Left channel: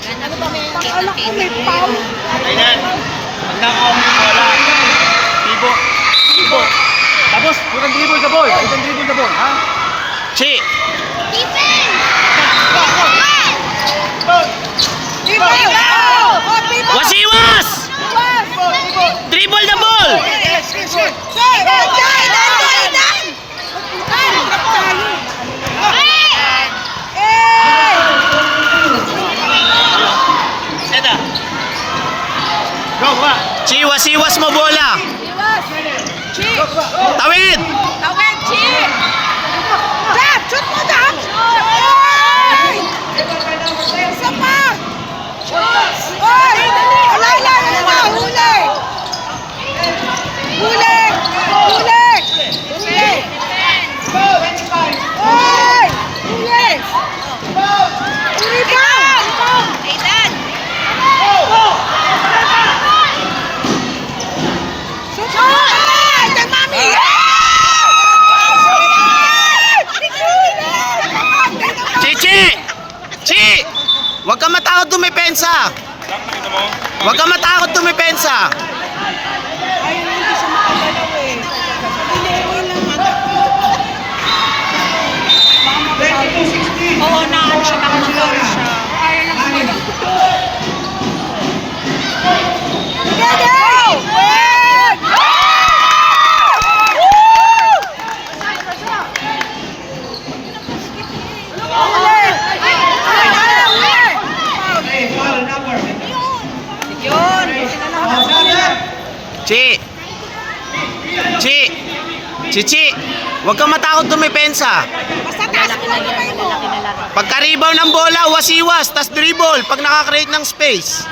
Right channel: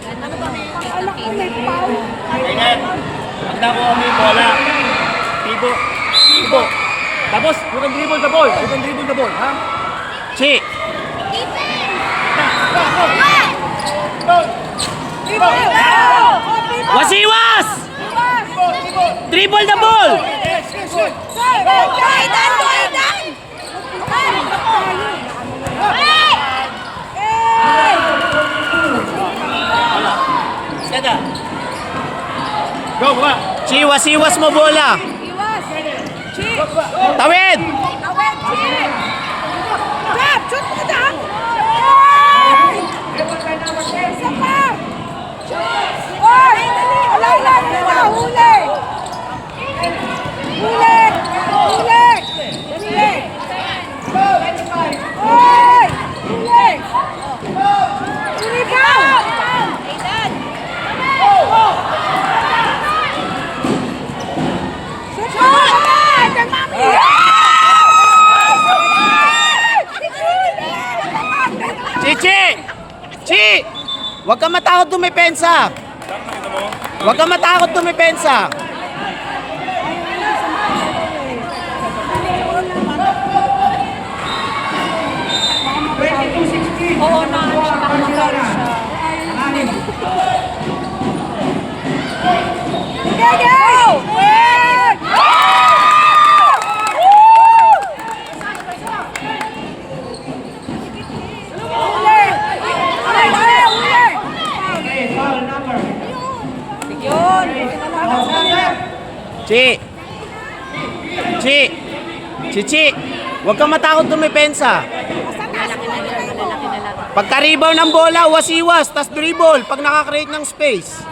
Laganap mo. Kita-kita. Kainan. Handa ko may bola. Tibo. Tibo. Tapos, you can dribble the ball. You can dribble the ball, ha? Chi. Wasiwas! Dribble the ball! Seda. Go, go. Chi, wasiwas mo bola. Tawid! Shoot mo, Jack! Isa pa! Oy! Alay! Huli! Huli! Huli! Huli! Oy! Huli! Huli ba? Aidan. Shoot mo! Alay! Mami! Chi! Chi! Huwag ka matakot dumepensa. Huwag ka matakot dumepensa. Oo na, siya baka mag-foul siya. Yun. Chi! Chi! Chi! Huwag ka matakot dumepensa. Basta taas mo lang kamay mo. Pagka-rebound ng bola, wasiwas, tas dribble pag nakakreate ng space.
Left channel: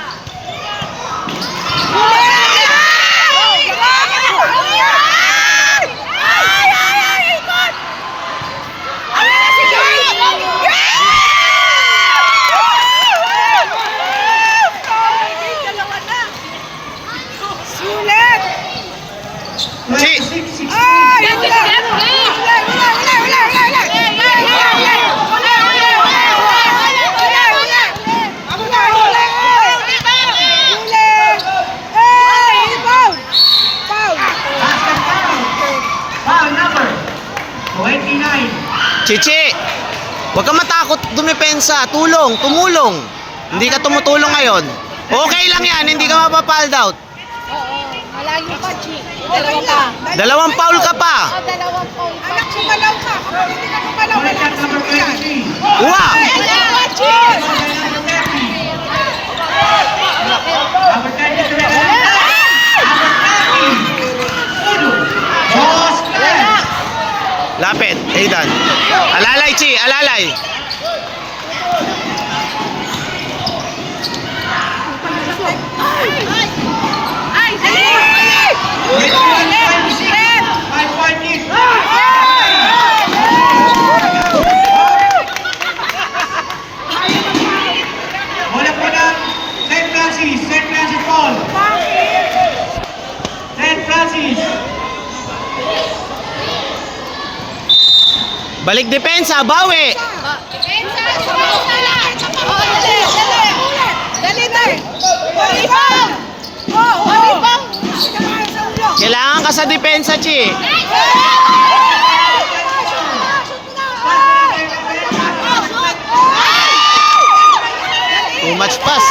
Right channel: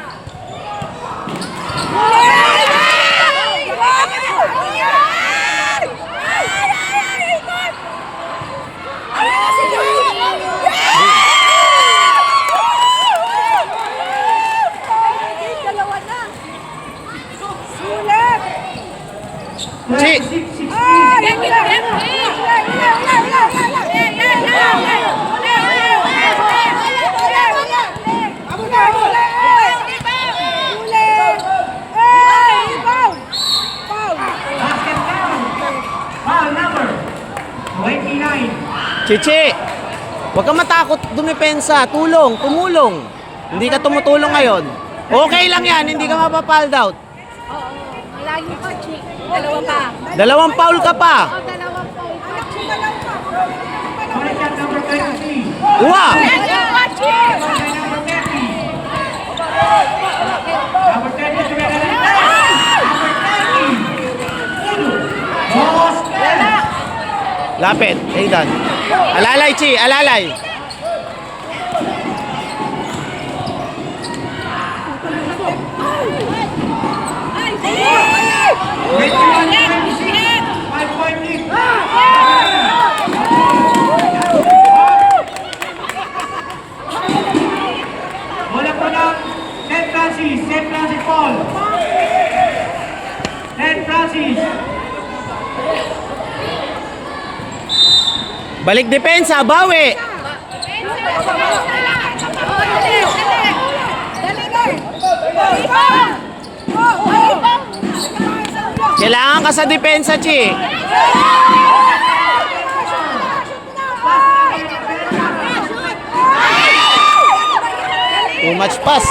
Sulit! Chi! Ay! Wala! Foul number 29. Chichi! Huwag ka matakot dumepensa. Tumulong. Hindi ka tumutulong ngayon. Okay lang yan, hindi ka mapapald out. Malayo pa, Chi. Dalawa pa. Dalawang foul ka pa. Dalawang foul pa. Anak, sumalaw ka. Hindi ka sumalaw. Corner shot number 23. Uwa! Number 10 is number 30. Uno. Boss Glenn. Lapit, Aidan. Alalay, Chi, alalay. With 1.6. 5 lead. Bola po ng St. Francis. St. Francis Paul. St. Francis. Balik depensa, bawi. Kailangan ka sa depensa, Chi. Too much pass.